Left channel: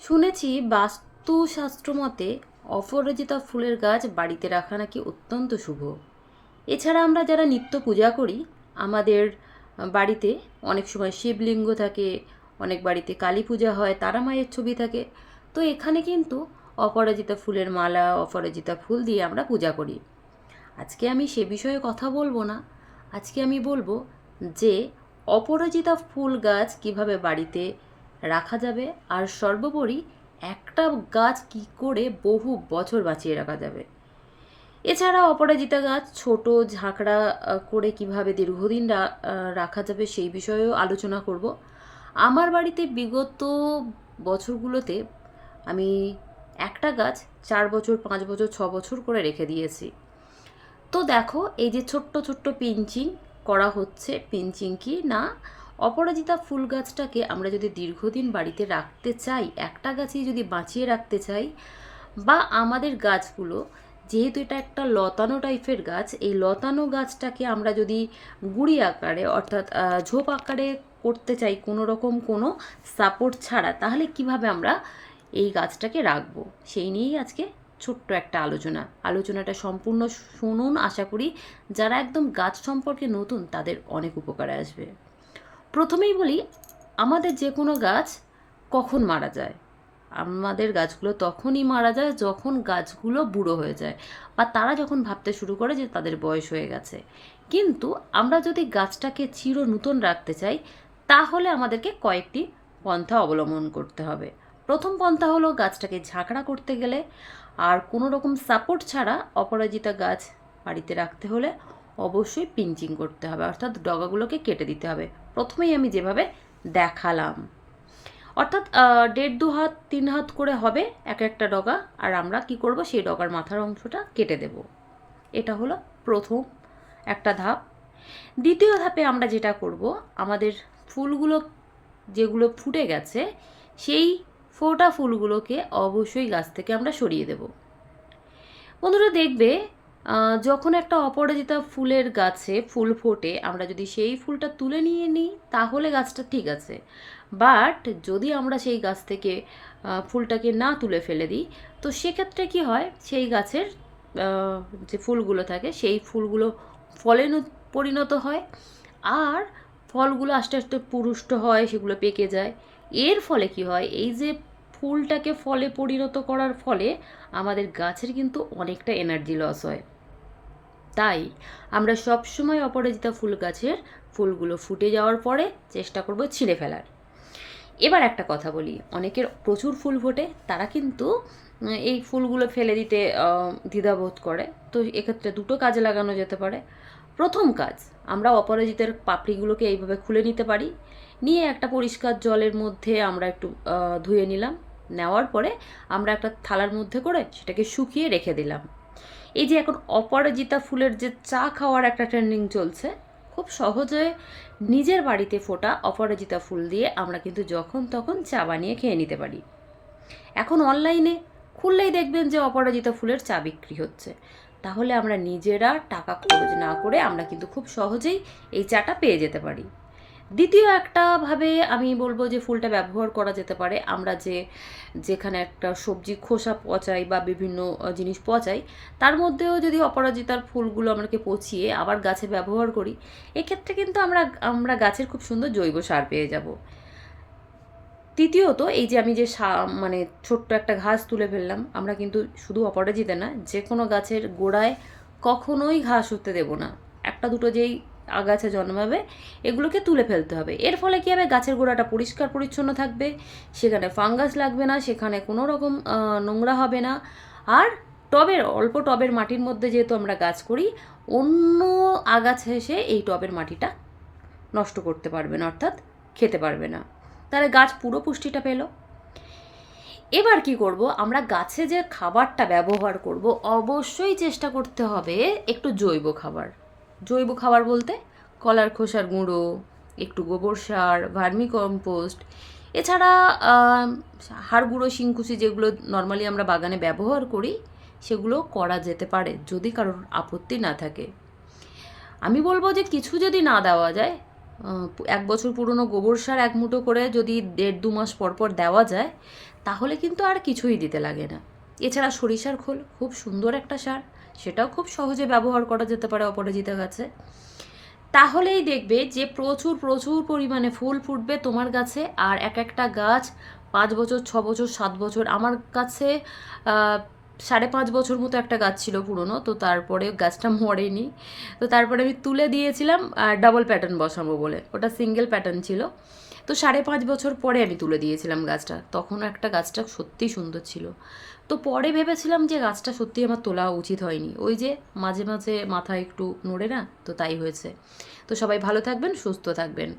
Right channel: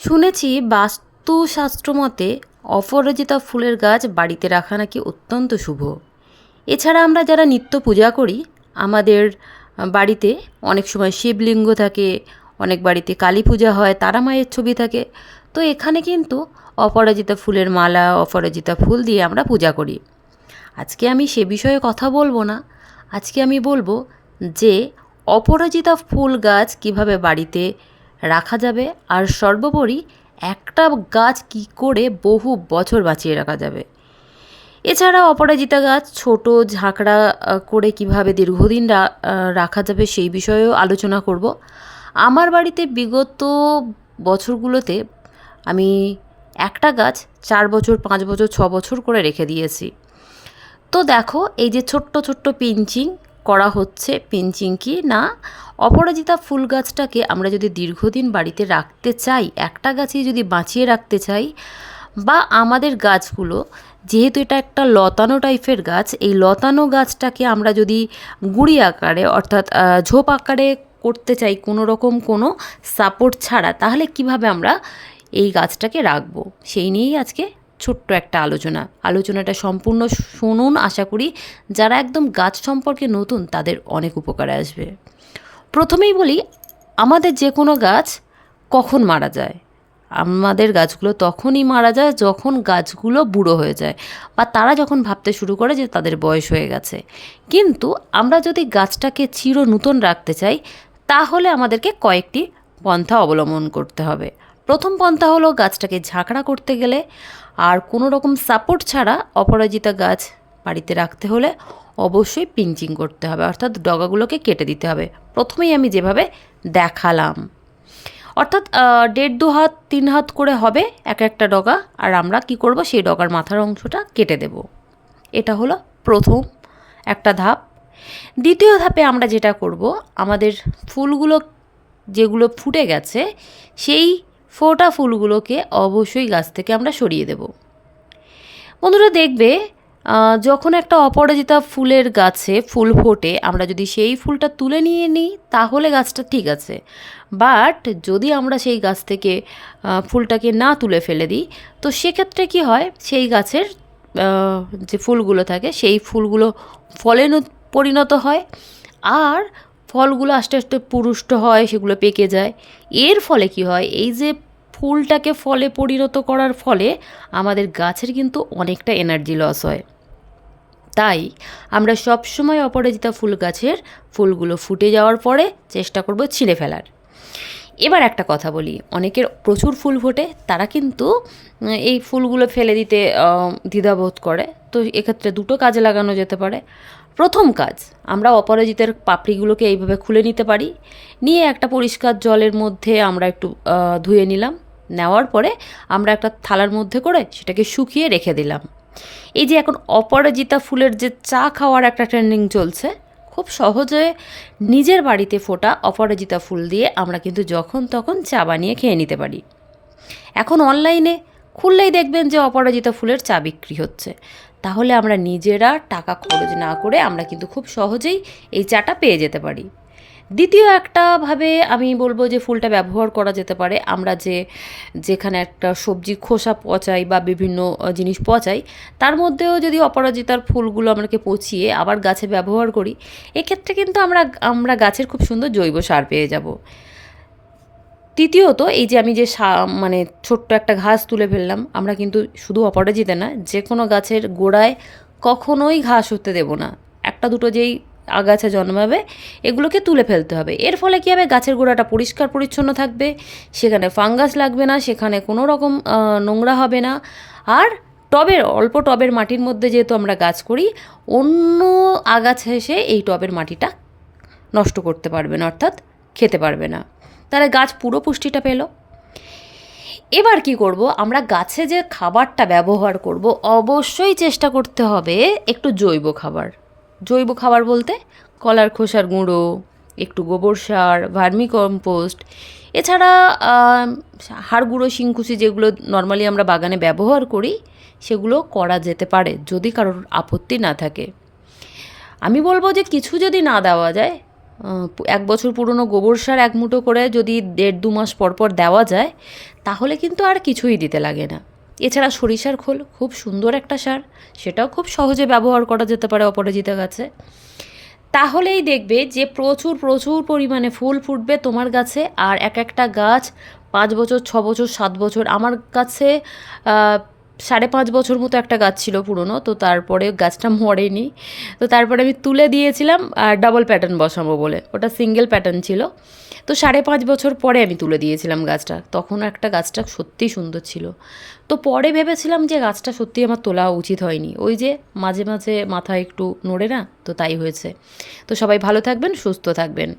শুনেছি বাস্তুশাস্ত্র মতে অপরাজিতা ফুলের গাছ বাড়িতে রাখা নাকি অত্যন্ত শুভ। এছাড়া আমরা যারা নিত্য পূজা করি, আমাদের বাড়িতে অনেক সময় শিবলিঙ্গ থাকে, অনেক বাড়িতে কালী পূজা হয়, তারা মায়ের ছবি থাকে। তো এখানে কিন্তু অপরাজিতা ফুলের মালা, অপরাজিতা ফুল দিয়ে আমরা পূজা করি। আজকে আমি সে বিষয়ে কথা বলবো না। আজকে আমি বলবো যে অপরাজিতা ফুল গাছ কিভাবে বাড়িতে রাখা যাবে, আর সর্বোপরি একটা গাছ কি করে বহু বছর বাঁচিয়ে রাখা যাবে। এছাড়া অপরাজিতা গাছ ছোট ঝাঁকড়া করে কিভাবে দীর্ঘদিন রাখা যাবে সেই বিষয়েও আলোচনা করব। আমার বাড়িতে বিগত বছরগুলোতে আমি একটা গাছ 4 বছর, 5 বছর, 6 বছর করে রেখে দিয়েছি। তো দেখো, এই যে ছোট্ট ছোট্ট পিঞ্চিং করা হচ্ছে, পিঞ্চিং কি না, অপরাজিতা ফুল গাছটাকে আমরা যদি দীর্ঘদিন বাড়িতে রাখতে চাই, একটা গাছই যদি বাঁচিয়ে রাখতে চাই, বা আমাদের গাছগুলো, যেহেতু এটা একটা লতানো টাইপের গাছ, এই লতানো গাছটাকে আমরা যদি গুঁড়ি আকারে অর্থাৎ ঝোপ আকারে করতে চাই কোনো রকম কোনো সাপোর্ট ছাড়া, তাহলে কিভাবে আমরা এই গাছটাকে রাখবো সেই নিয়েই আজকে ছোট্ট একটা আলোচনাটা সম্পূর্ণ শুনুন। আশা করি যারা একদম গাছ সম্পর্কে নতুন তাদের অনেক উপকারে আসবে। প্রথমেই বলি, আমাদের যে কোনো গাছ কখন মারা যায়? আমাদের গাছগুলো তখনই মারা যায় যখন গাছগুলো বুড়ো হয়ে যায়, বা তারা যখন ভাবতে শুরু করে যে তাদের বয়স হয়ে গেছে। কিন্তু আমরা যদি গাছটাকে চির নূতন রাখতে চাই, তাহলে আমাদেরকে কয়েকটি পন্থা অবলম্বন করতে হবে। প্রথম পন্থা হলো গাছটাকে ঝাঁকড়া করতে গেলে আর কোনো রকম সাপোর্ট ছাড়া অপরাজিতা গাছ বাড়িতে রাখতে হলে অবশ্যই পিঞ্চিং করতে হবে, অর্থাৎ ডগাগুলোকে কেটে দিতে হবে। প্রথমেই আমি যেভাবে দেখালাম, অর্থাৎ 1.5 2 হাত 3 হাত করে হবে এক একটা ডগা, আর আমরা কি করব, সেই ডগার মাথার অংশটা কেটে দেব। এটা হলো প্রথম একটা ধাপ। দ্বিতীয় ধাপে আমরা যেটা করব, আমাদের ফুলগুলো যেগুলো ফুটে গেছে, সেই ফোটা ফুলগুলোকে অবশ্যই গাছ থেকে আমরা সরিয়ে দেব। বন্ধুরা দেখবে, যখন একটা অপরাজিতা ফুলের গাছে ফুল ফোটে, আমরা যদি সেই ফুলটা তুলে নিয়ে নিই তাহলে গাছটা ঠিক আছে। বাট যদি আমরা সেই গাছ থেকে ফুলটাকে না তুলে ফেলে দিই, তো সেক্ষেত্রে কি হয়, সেই গাছের যে ফুলগুলো থাকে সেই ফুলগুলো ফলে পরিণত হয়, আর ফলগুলো আস্তে আস্তে পুরুষ্ট হয়, সেগুলো পেকে যায়। এর ফলে কি হয়, এই যে ফুলটাকে ফলে পরিণত করার ফলে আমাদের গাছের কিন্তু অনেকটা এনার্জি লস হয়। তাই আমরা সবসময় অপরাজিতা ফুল গাছের ফুলগুলো ফুটে যাওয়ার পরে চেষ্টা করব ছিঁড়ে ফেলার। এবার একটা কথা বলি, অনেকের প্রচুর ফুল ফোটে, তারা কিন্তু এই ফুলগুলো ফেলে দিতে দ্বিধাবোধ করে। তো এক্ষেত্রে দুটো কাজে লাগানো যেতে পারে। প্রথম কাজ, আমরা অপরাজিতার পাপড়িগুলোকে এইভাবে খুলে নিতে পারি। নিয়ে একটা পরিষ্কার জলের মধ্যে আমরা একটু ধুয়ে নিলাম। নেওয়ার পরে আমরা একটা থালার মধ্যে করে সেটাকে শুকিয়ে রেখে দিলাম। এই যে এখন অপরাজিতা ফুলের যে চা খাওয়ার একটা ট্রেন্ডিং চলছে, খুব সহজে নিজের বাড়িতে ফোটা অপরাজিতা ফুল দিয়ে আমরা কিন্তু যখন তখন চা বানিয়ে খেয়ে নিতে পারি। এখন অনলাইনে খুললেই দেখবেন যে অপরাজিতা ফুলের চা বিক্রি হচ্ছে। তাহলে আমরা নিজেরা টাকা খরচ না করে আমরা কিন্তু খুব সহজেই এই চাটা পেয়ে যেতে পারি। দ্বিতীয় একটা ভাবে আমি বলবো যে ফুলটা ব্যবহার করা যেতে পারে, আমরা যেখানে একটা সবজি খোসা পচাই বা বিভিন্ন জিনিস পচাই, তার মধ্যেও যদি অপরাজিতার ফুলগুলো আমাকে পচিয়ে আবার গাছে ব্যবহার করি, এক্ষেত্রে কিন্তু আমরা গাছের খুব সুন্দর জৈব সার পেয়ে যাব। তৃতীয়ত, এই যে আমি যে মানে ছোট্ট একটা ঘাস তুলে ফেললাম, আমরা কিন্তু শুধু অপরাজিতা না, যে কোনো গাছের গোড়ায় কখনোই ঘাস হতে দেব না। একটা দুটো যেই আগাছা জন্মাবে, এগুলোকে তুলে ফেলতে হবে। এর ফলে কী হবে, গাছের গোড়াটা পরিষ্কার পরিচ্ছন্ন থাকবে, সেখানে ফাঙ্গাস লাগবে না, সেখানে কোনো রকম নোংরা হবে না। আর অল্প টবের মাটির মধ্যে যেহেতু আমরা গাছ করি, অন্য আগাছা এসে এই টবের মাটিটা নষ্ট করতে পারবে না, অর্থাৎ খেতে পারবে না। তাহলে গাছ পুরো পুষ্টিটা পেল। এবার কি করব, আমরা গাছে যে খাবারটা ব্যবহার করব, অবশ্যই চেষ্টা করতে হবে একটু জৈব খাবার। জৈব খাবার বলতে কলার খোসার গুঁড়ো, একটু গোবর সার, ভার্মি কম্পোস্ট, এছাড়া হাড় গুঁড়ো, শিংকুচি, যেগুলো নর্মালি আমরা বাগানে ব্যবহার করি, সেগুলো করা যেতে পারে যদি কারোর আপত্তি না থাকে। আমি বলবো যে কিছু যদি না দেওয়া যায়, 1 বছর পুরনো গোবর সার 1 মুঠো করে যদি 1.5 2 মাস পর পর দেওয়া যায়, তাহলে কিন্তু আর কিছুই দিতে লাগে না। এছাড়া সরিষার খোল খুব সুন্দর একটা সার, সেটাও খুব সহজে ব্যবহার করা যেতে পারে অপরাজিতা গাছে। তাহলেই দেখবে যে প্রচুর প্রচুর পরিমাণে ফুল ফুটবে তোমার গাছে, আর এক একটা গাছ 5 বছর, 6 বছর, 7 বছর। আমার কাছে 5.5 বছর মতো একটা গাছ ছিল পুরনো, তো তারপরে গাছটা মরেনি, তো তারপরে আমি তুলে দিয়েছিলাম ডাবল প্যাটার্ন বসাবো বলে। ওটা সিঙ্গেল প্যাটার্ন ছিল, তো 5.5 বছর পরে আমি তুলে দিয়েছিলাম গাছটা। তখন একটা গাছটা সত্যিই সুন্দর ছিল। তো পরে ভেবেছিলাম যে গাছটা সত্যিই আমার তোলা উচিত হয়নি, ওই যে মাঝে মাঝে মাথা একটু নড়ে না, তো তাই হয়েছে। তো সবাই ভালো থাকবেন, সুস্থ থাকবেন।